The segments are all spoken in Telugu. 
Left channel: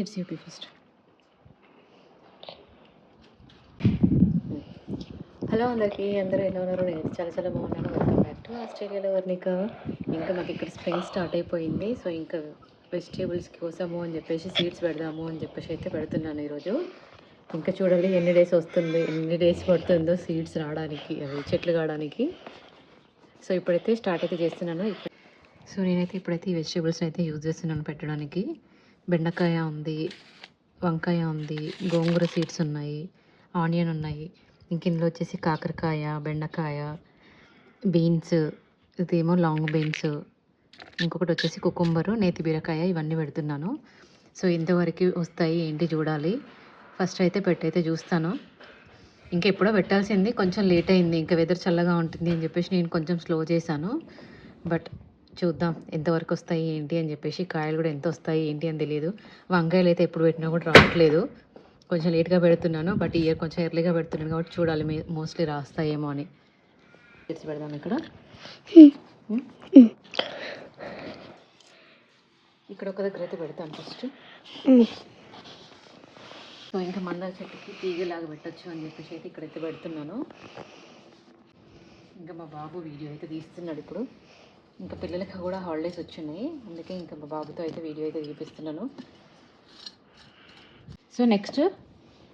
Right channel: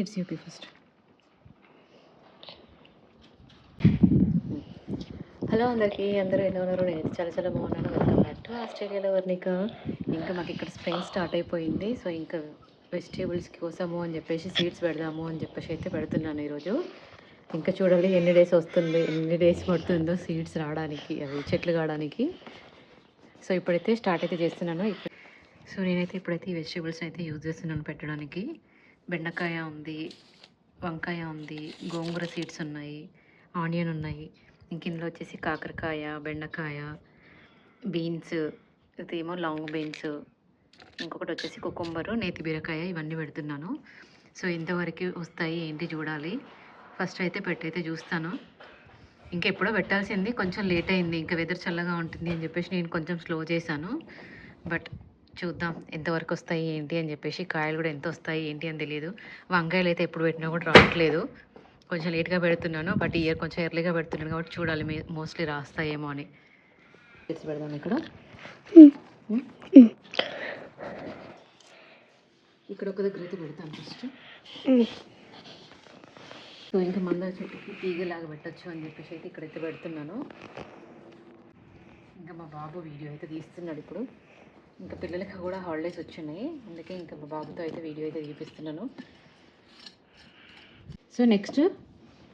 It's UP first. హలో అందరికీ, అందరూ ఎలా ఉన్నారు? నేను చాలా చాలా బాగున్నాను. వెల్కమ్ బ్యాక్ టు ఆస్ట్రేలియాలో వర్ణిక. ఇంకా మాకు ఇక్కడ స్ప్రింగ్ స్టార్ట్ అయిపోయింది. సో ఇంకా వెజిటేబుల్స్ కోసము అని చెప్పేసి సీడ్స్ పెడదాము అని చెప్పేసి అయితే పెడుతున్నాను ఈరోజు. ఇంకా చూడాలి ఎన్ని డేస్ వస్తుంది, ఎన్ని డేస్ పడుతుందో సీడ్స్ రావడానికి, అవి చెట్లు కావడానికి. సో ఇప్పుడైతే స్టార్ట్ అయితే చేస్తున్నాను. సో నేనైతే ఇప్పుడైతే ఈ వెజిటేబుల్స్ అయితే యూజ్ చేస్తున్నాను పెట్టడానికి. బెండకాయ ఉంది, వంకాయ ఉంది, గోంగూర సీడ్స్ ఉన్నాయి, ఆనియన్ ఉన్నాయి. ఇంక ఇందులో వచ్చేసి కాకరకాయ, బెండకాయ, బీన్స్, ఇదేమో లాంగ్ బీన్స్, ఇంకొకటి వచ్చేసి కుకుంబరు, నేతి బీరకాయ, ఇవన్నీ పెడుతున్నాను. సో ఇంతవరకు వస్తాయి ఏంటి చూడాలి. ఫస్ట్ అయితే పెట్టయితే చూస్తాను. ఇంకా ఎప్పుడో పెట్టాల్సింది, కొంచెం లేట్ అయింది. ఇంకా వెదర్ చల్లగా ఉంటుంది అని చెప్పేసి నేను కొంచెం స్లో చేశాను. బట్ చూద్దాం ఎంతవరకు వస్తాయి ఏంటి అని చెప్పేసి. కాయలు కూడా ఎంత వస్తాయి ఏంటి అని తెలియదు. వంకాయలు అయితే ఎప్పుడు పెట్టినా కూడా రావట్లేదు. కొంచెం లేట్గా పెడుతున్నాను, బట్ ఇయర్ కొంచెం ఎర్లీగా పెడుతున్నాను కాబట్టి చూడాలి మోస్ట్లీ రాస్తాయేమో అని. తెచ్చి పెడదాం ఇక్కడ. ఇక్కడ ఒక దగ్గర అయితే పెడతాను ఫస్ట్. సో ఇంకా మందార చెట్టుకి తీగలాగా పెట్టచ్చు అని చెప్పేసి అయితే ఇక్కడైతే పెడుతున్నాను. ఇంకా మా బాబు వీడియో అయితే తీస్తున్నాడు ఇప్పుడు. ఇంకా పిల్లలకి కూడా హాలిడేస్ వచ్చినాయి, అందుకే ఇంకా మా బాబుతో అయితే వీడియో అయితే తీపిస్తున్నాను. సో నెక్స్ట్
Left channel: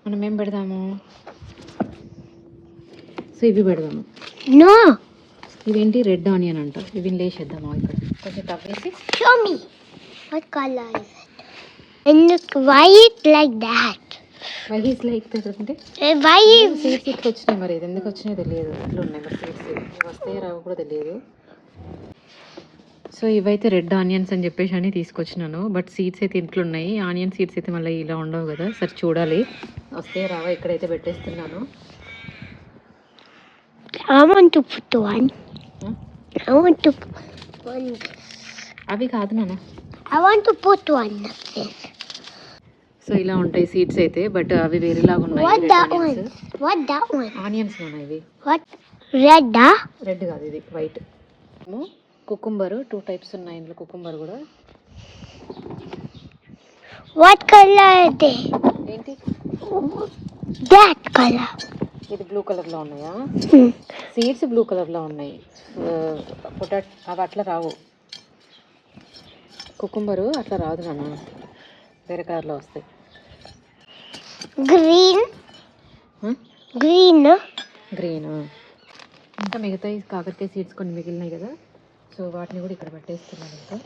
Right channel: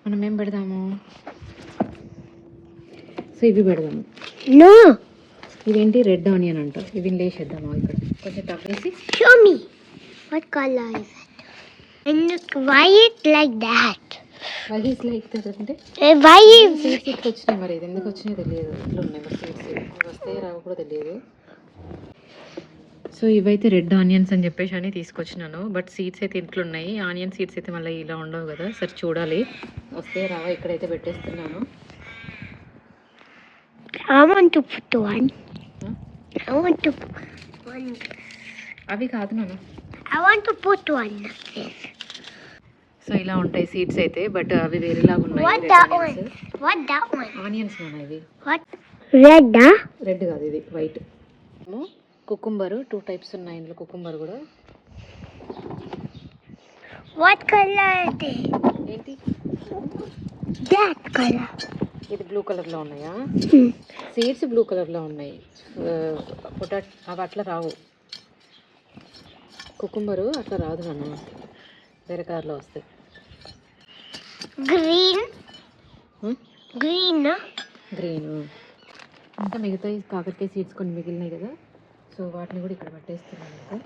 మనం ఏం పెడదాము? సో ఇవి పెడదాము. No. ఇవేంటి? రెడ్ ఆనియన్ అంట. ఇవి లేసేద్దాము ఇక్కడ. ఇది తగ్గేసి. Show me. What color is it? And look, why it like that? Why is like that అంటే Why is సీడ్స్ ఇట్లా వచ్చినాయి, మరి ఇది ఎందుకు వచ్చినాయో తెలియదు. ఇట్లా ఉన్నాయి మరి సీడ్స్, ఇవి వస్తాయో రావు కూడా తెలియదు. సో ఇవైతే రెడ్ ఆనియన్స్ అని చెప్పేసి అని తీసుకొచ్చినాను, బట్ సీడ్స్ అయితే ఇంట్లో ఉన్నాయి. ఆనియన్ సీడ్స్ అయితే మళ్ళీ ఇలా ఉండవు కదా. సరే చూడాలి వస్తాయో రావా. ఇక్కడైతే పెట్టేస్తున్నాను. I want to put one. I want to put one. అవి కాదు నాన్న. I want to put one. So ఇలా ఉంటాయి సీడ్స్ అయితే, బట్ అవి వేరేలాగా ఉన్నాయి. What red that onions. one? What that one? Onions ఉన్నాయి ఇవి. What? Red, రెడ్ కాదు, ఇది వైట్. కుకుంబరు 2 టైప్స్ ఉన్నాయి ఇందులో. కుకుంబర్ కూడా. What color is it? ఏంటి? That color. ఇది బ్లూ కలర్లో ఉన్నాయా? సీడ్స్ బ్లూ కలర్లో ఉన్నాయి. పొటాటో అవి అట్లా రావు. కుకుంబరు అట్లా రాదు నాన్న, వేరే కలర్లో వస్తాయి. Green. Green. గ్రీన్. ఇంకా మిగతా ఈ కాకరకాయ సీడ్స్ కొన్ని మిగిలినాయి కదా, సో వాటిని కూడా ఇక్కడ పెట్టేస్తున్నాను. ఇంకా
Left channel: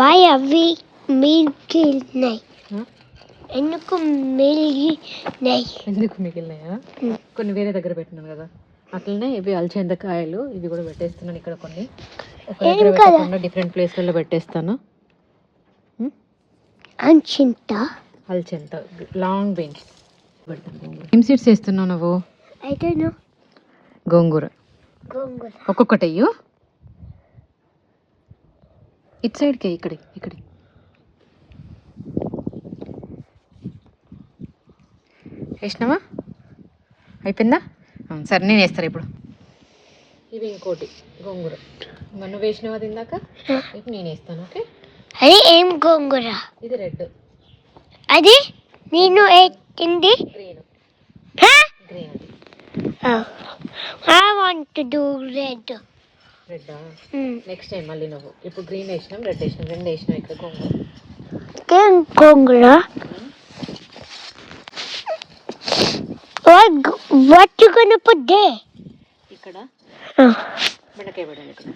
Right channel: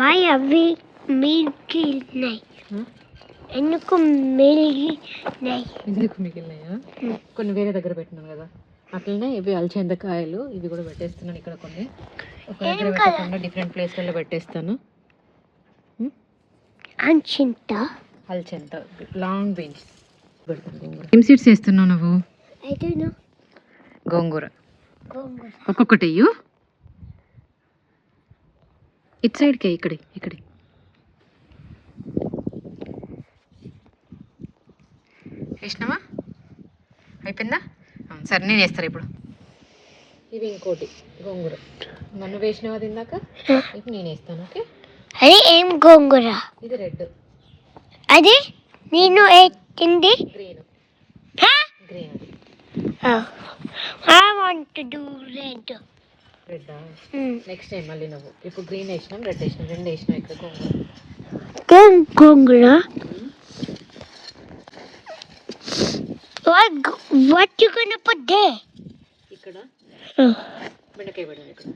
Why are we milky? ఎందుకు మిగిలినాయి? ఎందుకు మిగిలినాయా? కొన్ని వేరే దగ్గర పెట్టినాను కదా. అట్లనే ఇవి అలచెందకాయలు, ఇవి కూడా పెట్టేస్తున్నాను ఇక్కడ. కొన్ని ఒక దగ్గర పెట్టకుండా డిఫరెంట్ ప్లేస్లలో పెట్టేస్తాను. అలచెంద, లాంగ్ బీన్స్ పెడతాను. ఏం సీడ్స్ వేస్తున్నావు నువ్వు? I don't know. గోంగూర. గోంగూర. ఒక్కొక్కటి అయ్యో. ఇటు సైడ్కి ఇక్కడి ఇక్కడి. వేసినావా? అయిపోయిందా? సరే నేను వేస్తాను ఇప్పుడు. ఇవి ఇంకోటి గోంగూర. నన్ను వేసినావా అది ఇందాక? ఇది నేను వేస్తాను. ఓకే. అది ఏం గోంగూర? ఇది రెడ్. అది నేను ఎత్తింది గ్రీన్. గ్రీన్ అది. I want to do red. రెడ్డా? నెక్స్ట్ టైం మళ్ళీ నువ్వు. ఇప్పుడు గ్రీన్ వేసినాం, రెడ్ వేసినాం, రెండు వేసినాం ఇక్కడ గోంగూర. గోంగూర. What you gonna put there? ఇక్కడ బెండకాయ పెట్టాను ఇక్కడ.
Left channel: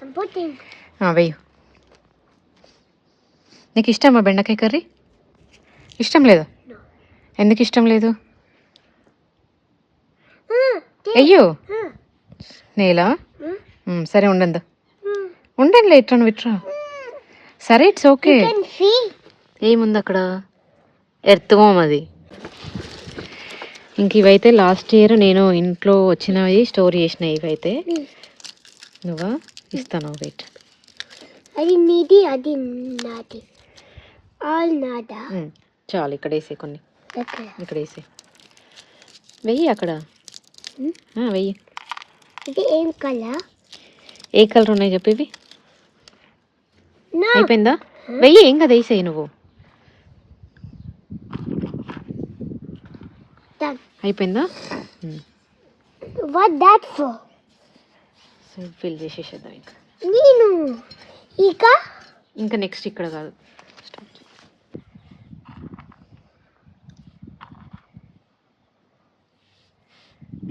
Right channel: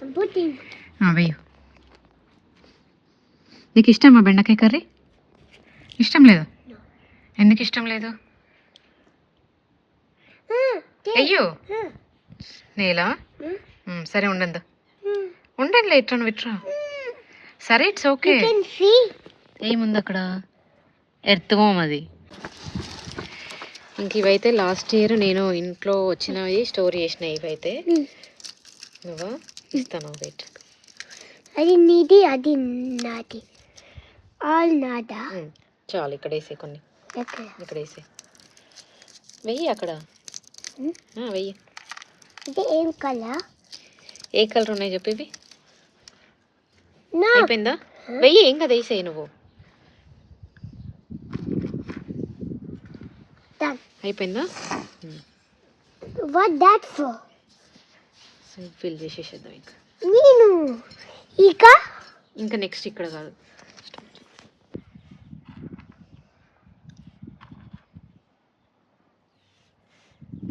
I'm putting. వెయ్యి. నీకు ఇష్టమా బెండకాయ కర్రీ? ఇష్టం లేదు? ఎందుకు ఇష్టం లేదు? అయ్యో నేలా? సరే ఉండండి ఉండండి, ఇట్రా నువ్వు ఇట్రా. సరే ఇట్స్ ఓకే. ఏముంది అక్కడ? ఎర్త్వామ్ అది. ఇంక ఇవైతే లాస్ట్ ఇయర్ నేను ఇంట్లో వచ్చినవి స్టోర్ చేసినవి. ఇవైతే నువ్వా? ఇస్తాను వెయిట్. అది నీది, అది నాది. ఆల్ నాదా? చాలు ఇక్కడ వేసే కొన్ని. ఇక్కడ వేసే. వెయ్యి అక్కడ. వెయ్యి. ఇది ఏం కలర్? ఏ కలర్ ఉన్నాయి చెప్పి ఇవి No. అయిపోయిందా వెయ్యి ఏం కదా వేసేయి నువ్వు Done. అయిపోయిందా What that for? So fill చేసేసేద్దాం ఇంకా నేను ఇంకా నెక్స్ట్ ఇక్కడ కాదు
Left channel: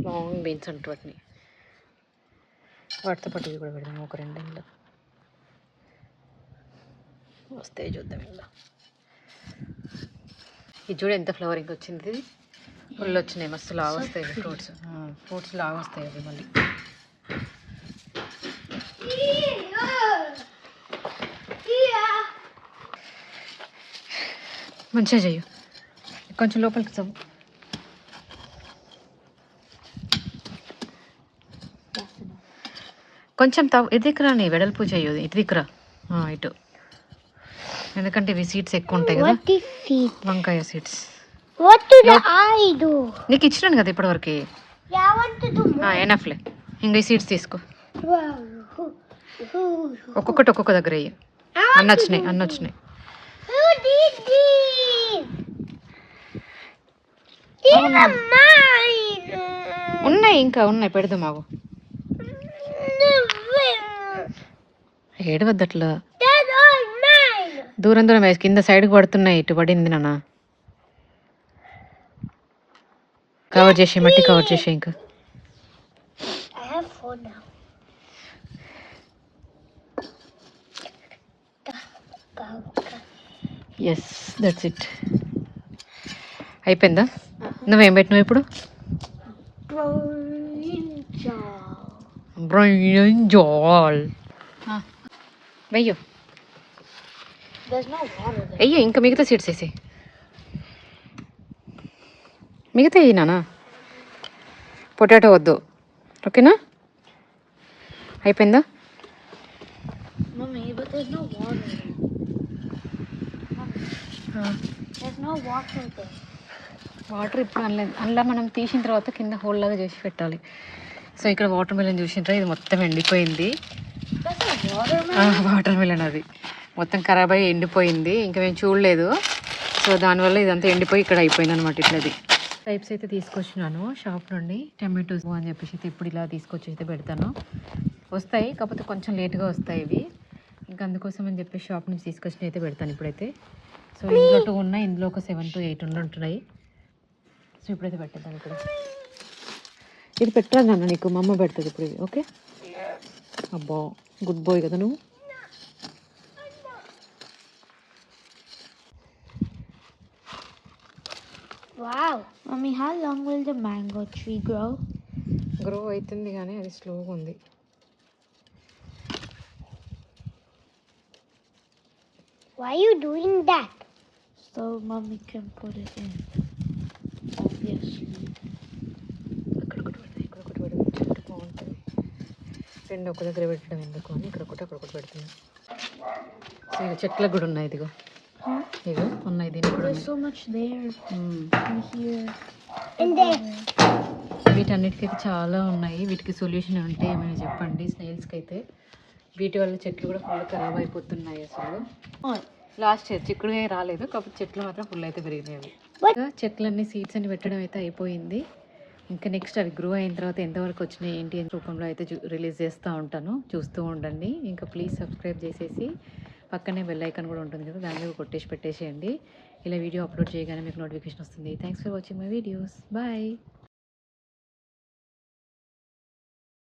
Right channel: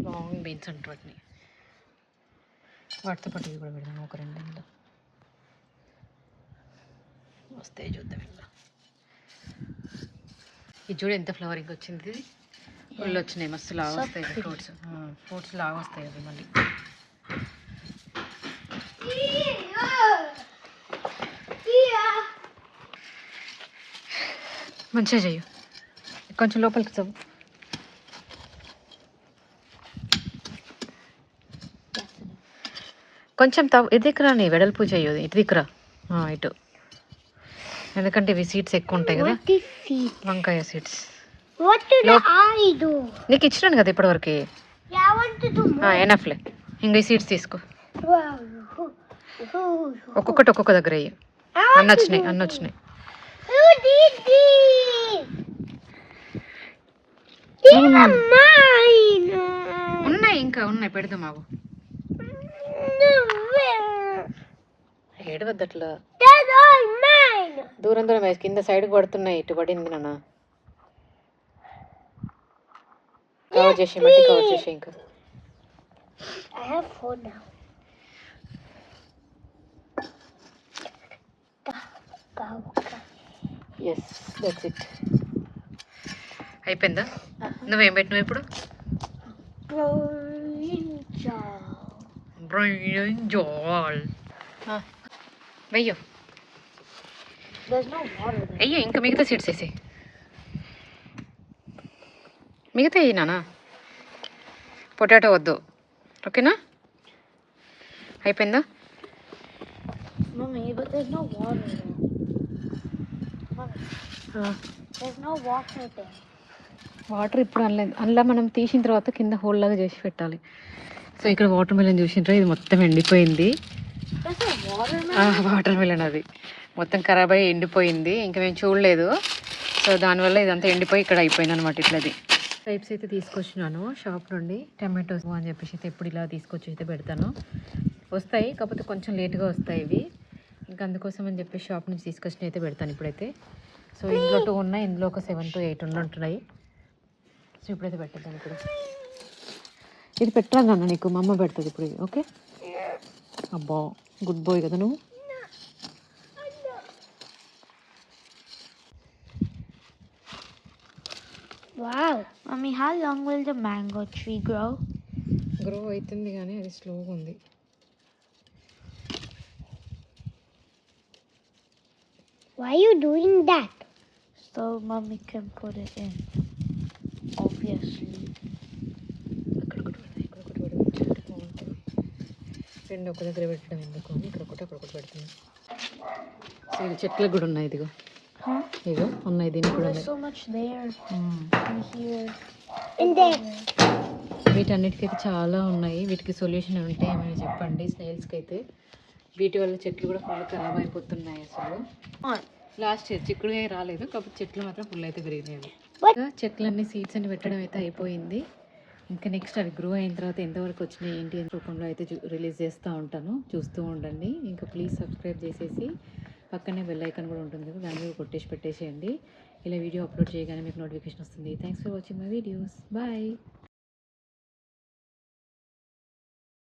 లాంగ్ బీన్స్ అంటూ వాటితో పాటు ఇవి కూడా పెడదాం ఒక రెండు ఇంట్లో వస్తాయి చూద్దాం ఇంట్లో ఇది చూడ ఎంత ఫ్లవరింగ్ వచ్చింది ఒళ్ళు వచ్చినాయి మస్తు లాగా వస్తాయి ఫ్రూట్స్ లాగా వస్తాయి అవి మళ్ళీ మంచిగా చెయ్యు కొంచెం లోపలికి చదువు కొంచెం ఇటు దిక్కురా నీ వెడల్పు చెయ్యదు ఇటు దిక్కురా ఇటు ఎందుకంటే ఇవి సీడ్స్ ఎక్కువ ఉంటాయి కదా వంకాయ seeds What did I do? నీకు ఇచ్చినాను కదా ఇప్పటివరకు Yeah, I want to do more. ఎనఫ్లే ఇంకా ఈ సీడ్స్ తీసుకో Wow. ఒక్కొక్కటి ఒక్కొక్క దగ్గర అయ్యి అన్న వచ్చినాయి Who did this? These are mine. ఉన్నాయి పెడదాం మాకు ఏడవద్దట్లా They're all mine. దూరం వేసి కింద సైడ్కి పడుతున్నాయి ఇటు పడింది నాన్న కవర్ చేసి మట్టి కవర్ చేసి ఇంకా I have 4 now. Yes that's it అయిపోయిందా నువ్వేం పెట్టినావు ఇప్పుడు బ్రింజాల్ వెయ్యో There's no water there. అయ్యో ఇంకా మిగతా సీడ్స్ వేసి మిగతా వేయి నానా పొటాటో వద్దు ఓకేనా అయిపోయిందా Mommy, but there's no water there. There's no water there. Water ఇప్పుడు అందులో మనం తీసిన తర్వాత కింద హోల్ లాగా చేసి పెట్టాలి సో ఇక్కడ వాటర్ మిలన్ చూసిండ్రా ఇది మొత్తం ఎండిపోయింది That's not water, water melon అది మొత్తం ఖరాబ్ అయ్యి ఎండిపోయింది ఇంకా మేము చూడలేదు సో దానివల్ల ఇదంతా ఎండిపోయి ఇక్కడ అయిపోయింది అనమాట ఇట్లది టైప్స్ అయితే తీసుకొచ్చినాను షాప్ నుండి టమాటోస్ అని చెప్పేసి అయితే ఇప్పుడు ఇలా తీసుకొచ్చి అయితే పెడతాను వస్తాయి కాకపోతే కొంచెం లేట్గా వస్తాయి ఇవి ఇంకా అందుకోసం అని చెప్పేసి షాప్ నుంచి తీసుకొచ్చి అయితే పెడతాను ఇప్పుడైతే సో ఇందులో 2 ఉన్నాయి ఇందులో ఒక 7 to 8 ఉంటున్నాయి సో ఇప్పుడైతే పెట్టేద్దాం ఇప్పుడు ఇది పెట్టరా నాన్న నీకు మా అమ్మ పెడుతుంది ఇప్పుడు ఇది ఓకే అబ్బా గుడ్ బాయ్ కదా నువ్వు Wow. Mommy, how long will the mango tree grow? Grow అవుతుంది కానీ అది స్లోగా ఉంది Why are you doing that? So Mommy can put it in. Obviously. ఇక్కడ ఒకటి పెడితే బాగుంటుంది రెండు ఒక దగ్గర పెట్టడం ఎందుకు అని ఇక్కడ ఒకటి అక్కడ ఒకటి పెడుతున్నాను సో ఇది చెట్లకు కూడా ఉన్నాయి ఇదిగో ఇగో ఉన్నాయి దీనికి కూడా There's so much there. And here. వీటన్నిటికైతే చాలా ఉన్నాయి వీటికి సొల్యూషన్ ఉంటే ఏమైనా చెప్పండి స్నేల్స్కి అయితే వీటి వల్ల చెట్లు కూడా ఫుల్ ఖరాబ్ అయిపోతున్నాయి అసలు లాస్ట్ ఇయర్ చిక్కుడుగా రాలేదు కాకపోతే చెట్లు మాత్రం ఫుల్ అయితే పెరిగినాయి చెట్లన్నీ సీడ్స్ అని పెట్టడం అయితే అయిపోయింది ఇంకా నెక్స్ట్ అవి గ్రో అయిన తర్వాత ఎంతవరకు వచ్చినాయి ఏంటి అని రూపంలో అయితే రిలీజ్ చేస్తూ ఉంటాను చూస్తూ ఉండండి ఇంకా ప్లీజ్ సబ్స్క్రైబ్ చేసేసి పక్కనే బెల్ ఐకాన్ కూడా ఉంటుంది కదా దాని మీద కొట్టేసి పెట్టేసేయండి ఇలా వీడియో అప్లోడ్ చేయగానే మీకు నోటిఫికేషన్ వస్తుంది thanks for watching my videos bye